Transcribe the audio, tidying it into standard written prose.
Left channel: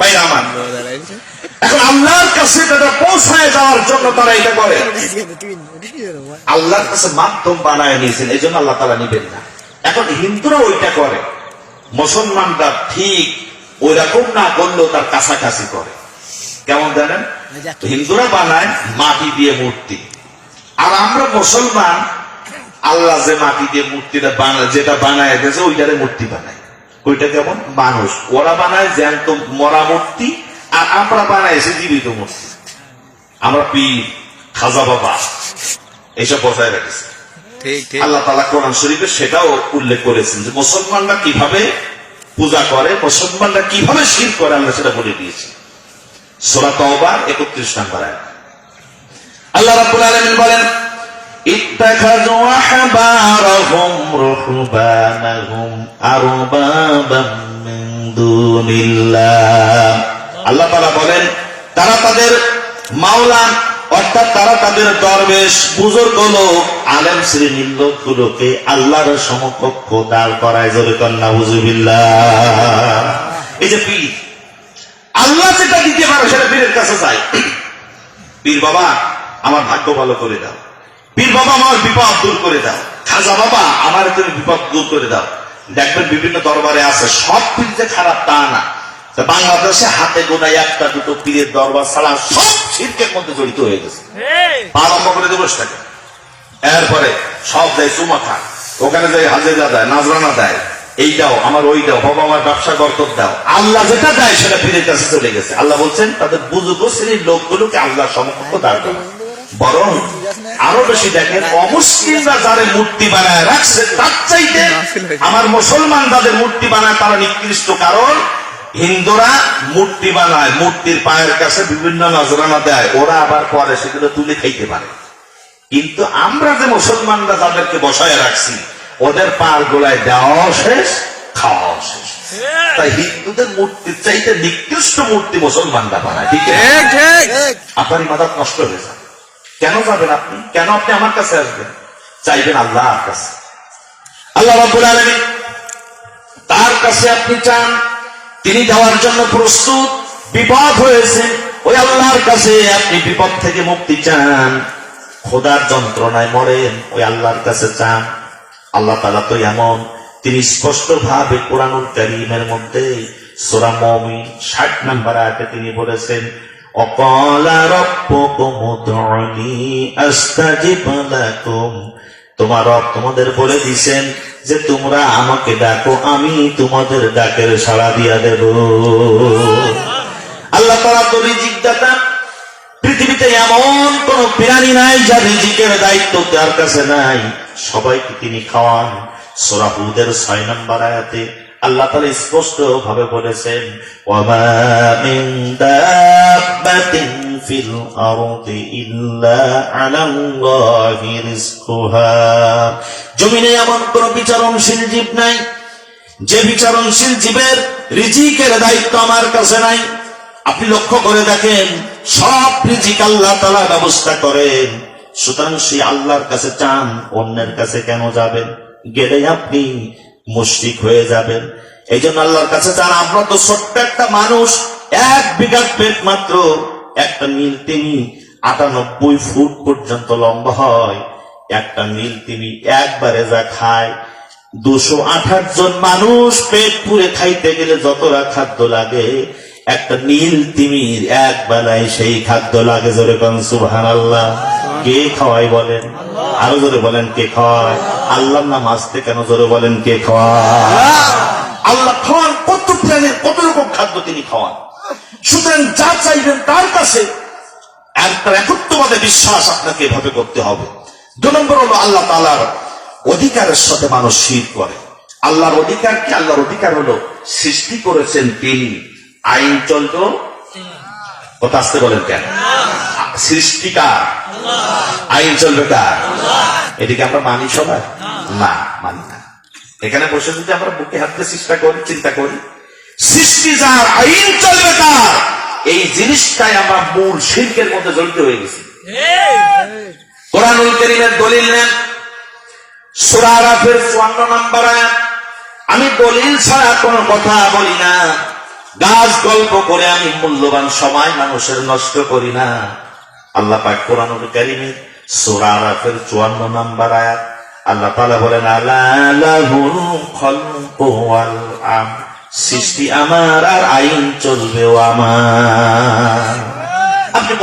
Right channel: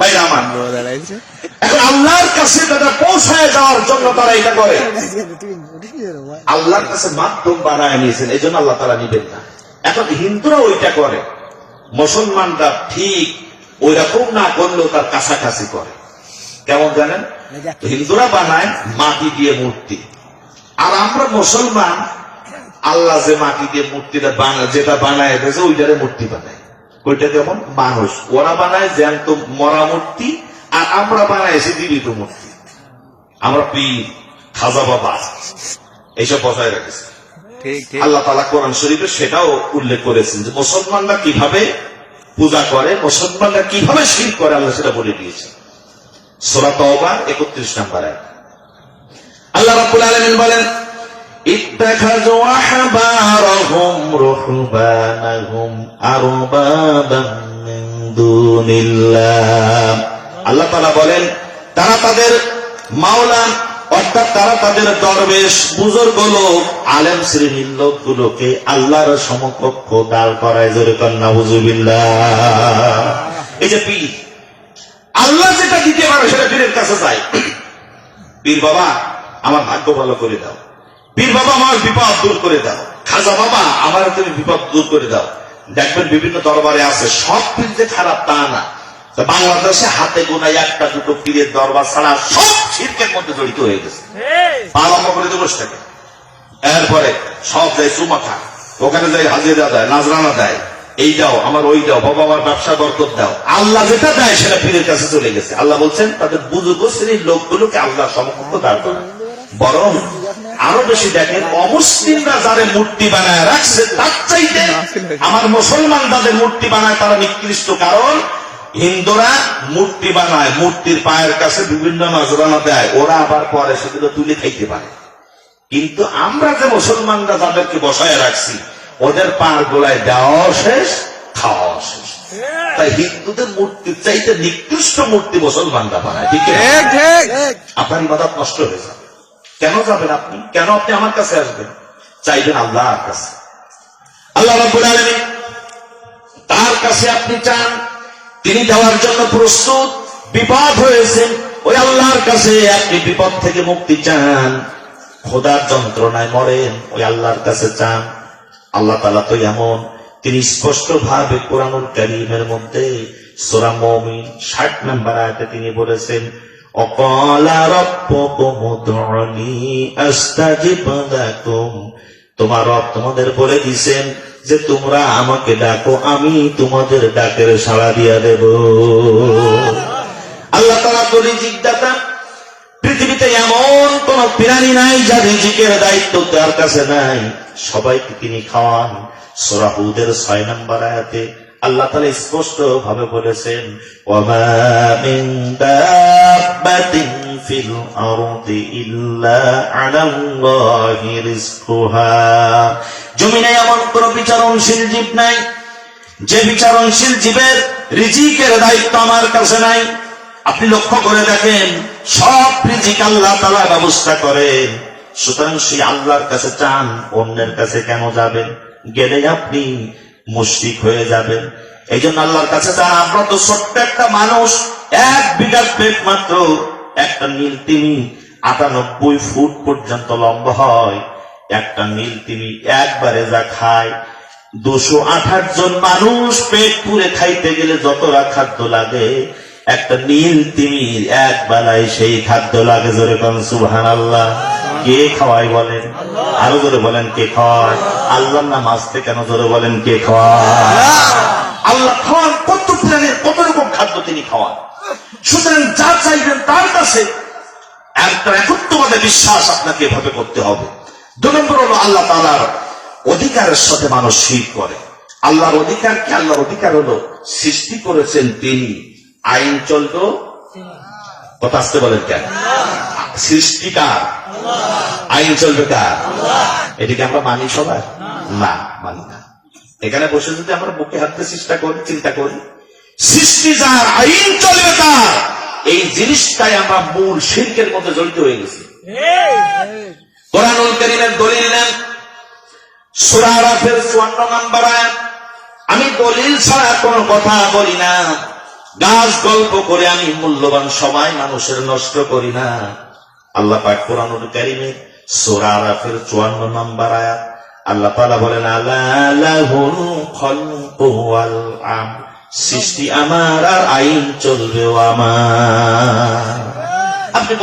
বাইরে আমার। এখন আল্লাহর কাছে তারা পৌঁছায় যাওয়ার জন্য তারা এটা করে, আল্লাহর কাছে মাধ্যম বানায় নিয়েছেন, এই জন্য আল্লাহ তারা নিবেন না। এখন হিন্দুরা ওইটা করে, মুসলমানরা ঠিক ওই রকম না করলেও তার কাছাকাছি করে। কেমন জানেন? হিন্দুরা বানায় মাটি দিয়ে মূর্তি, আর আমরা মুসলমান আল্লাহ যে মাটি দিয়ে মূর্তিটা বানায়, যেটা বানায় গেছে ওইটারে মূর্তি বানায়। ওইটা কেমন? মানুষ। ওরা বানায় জ্যান্ত মরা মূর্তি, আর আমরা বানাইছি জীবিত মূর্তি। আমরা পীর, খাজা বাবা এইসব বজায় রেখেছি। আল্লাহ তাআলা কোরআন শরীফে সেটাও উল্লেখ করেছেন যে মুসলমানরা কিভাবে পূজা করে, মুসলমানরা কিভাবে শিরক করে, আল্লাহ সেটা বলে দিয়েছেন। সূরা তাওবা 31 নম্বর আয়াত। আল্লাহ রাব্বুল আলামিন বলেন, ইত্তাখাযু আহবারাহুম রুহবানাহুম আরবাবাম মিন দুনিল্লাহ। আল্লাহ তাআলা বলেন, তারা তাদের মাওলা অর্থাৎ তারা তাদের দরবেশ বুজুর্গ লোক আলেম শ্রেণীর লোকগুলোকে আল্লাহর সমকক্ষ দাঁড় করায়। জোরে কর নাউযুবিল্লাহ। এই যে পীর, আল্লাহ যেটা দিতে পারে সেটা পীরের কাছে যায়। পীর বাবা আমার ভাগ্য ভালো করে দাও, পীর বাবা আমার বিপদ দূর করে দাও, খাজা বাবা আমার তুমি বিপদ দূর করে দাও। দেখবেন বিভিন্ন দরবারে আছে, সব পীর যে খারাপ তা না। বাংলাদেশে হাতে গোনা একটা দুটো পীরের দরবার ছাড়া সব শিরকের মধ্যে জড়িত হয়ে গেছে। আরম্ভ করে দিবস থাকে, এরপরে সব যায় চুমা খায়, ওখানে যাই হাজিরা দেয়, নাজরানা দেয়, এই দাও আমার ওই দাও, বাবা আমার ব্যবসা বরকত দাও। আল্লাহ যেটা দেয় সেটা পীরের কাছে চলে গেছে। আল্লাহ বলছেন তাদের বুজুর্গ শ্রেণীর লোকগুলোকে আল্লাহর সমকক্ষ দাঁড় করা। বরং আরো বেশি দেখেন, অমুসলিমরা যারা মূর্তি বানায় রাখছে তার চাইতে আমার মুসলমান যাদের মূর্তি বানায় তারা নিকৃষ্ট। কারণ হিন্দুরা মূর্তি বানায়, মূর্তির পায়ের কাছে বিভিন্ন নজরানা দেয়, ওরা আবার পরে সেগুলো তুলে খাইতে পারে। কিন্তু আমরা যে মুসলমানরা যাদেরকে বসায় রাখছি ওদের পার গোলায় দেওয়া শেষ, খাওয়া শেষ। তাই হিন্দুদের মূর্তির চাইতে নিকৃষ্ট মূর্তি মুসলমানরা বানায়। ঠিক আপনার ইবাদত নষ্ট হয়ে যাবে। কেন যাবেন আপনি? কেন আপনি আমার কাছে আসবেন? চাইবেন আল্লাহর কাছে। আল্লাহ রাব্বুল আলামিন তার কাছে আপনি চান, তিনি দেওয়ার জন্য প্রস্তুত। বিপদ হয়েছে, ওই আল্লাহর কাছে আপনি বিপদ থেকে মুক্তি চান। খোদার যন্ত্রণায় মরেন, ওই আল্লাহর কাছে চান। আল্লাহ তাআলা তো এমন, তিনি স্পষ্ট ভাবে কোরআনুল কারীমের মধ্যে সূরা মুমিন 60 নম্বর আয়াতে তিনি বলেছেন, অকালা রাব্বুকুম উদউনি আস্তাজিব লাকুম। তোমার রব তোমাদের বলে দিয়েছেন যে তোমরা আমাকে ডাকো, আমি তোমাদের ডাকের সাড়া দিয়া দেব। আল্লাহ তাআলা তো রিজিক দাতা। পৃথিবীতে এমন কোন প্রাণী নাই যার রিজিকের দায়িত্ব তার কাছে নাই, সবাইকে তিনি খাওয়ান। সূরা হুদের 6 নম্বর আয়াতে আল্লাহ তাআলা স্পষ্ট ভাবে বলেছেন, ওয়ামা মিন দাব্বাতিন ফিল আরদি ইল্লা আলাল্লাহি রিজকুহা। জমিনে এমন কোন বিচারণশীল জীব নাই যে বিচারণশীল জীবের রিজিকের দায়িত্ব আমার কাছে নাই। আপনি লক্ষ্য করে দেখেন, সব রিজিক আল্লাহ তাআলা ব্যবস্থা করেন। সুতরাং সেই আল্লাহর কাছে চান, অন্যের কাছে কেন যাবেন? গেলে আপনি মুশরিক হয়ে যাবেন। এই জন্য আল্লাহর কাছে চান। আমরা তো ছোট্ট একটা মানুষ, 1 বিঘা পেট মাত্র, একটা নীল তিমি 98 ফুট পর্যন্ত লম্বা হয়। একটা নীল তিমি একবারে যা খায়, 228 জন মানুষ পেট পুরে খাইতে গেলে যতটা খাদ্য লাগে, একটা নীল তিমির এক বেলায় সেই খাদ্য লাগে। জোরে বলেন সুবহানাল্লাহ। কে খাওয়ায় বলেন? আরো জোরে বলেন কে খাওয়ায়? আল্লাহর নাম আসতে কেন? জোরে বলেন কে খাওয়ায়? আল্লাহ খাওয়ান। কত প্রাণের কত রকম খাদ্য তিনি খাওয়ান। সুতরাং যা চাইবেন তার কাছে একটা একত্ববাদে বিশ্বাস আপনাকে এভাবে করতে হবে। 2 নম্বর হলো আল্লাহ তাআলার অধিকারের সাথে মানুষ শিরক করে। আল্লাহর অধিকার কি? আল্লাহর অধিকার হলো সৃষ্টি করেছেন তিনি, আইন চলতো, কথা আসতে বলেন কেন? সৃষ্টিকার, আইন চলবে কার? এটিকে আমরা মানি সবাই? না, মানি না। এখানে বসে যদি আমরা বুকে হাতে চেষ্টা করি, চিন্তা করি, সৃষ্টি যার, আইন চলবে কার, এই জিনিসটাই আমরা মূল শিরকের মধ্যে জড়িত হয়ে গেছি। কোরআনুল কারীমের দলিল নেন, সূরা আরাফের 54 নম্বর আয়াত। আমি দলিল ছাড়া কোনো কথা বলি না। গাছ গল্প করে আমি মূল্যবান সময় মানুষের নষ্ট করি না। আল্লাহ পাক কোরআনুল কারীমে সূরা আরাফের 54 নম্বর আয়াত আল্লাহ তাআলা বলেন, আলা লাহুল খালকু ওয়াল আমর, সৃষ্টি আমার আর আইন চলবেও আমার। আপনি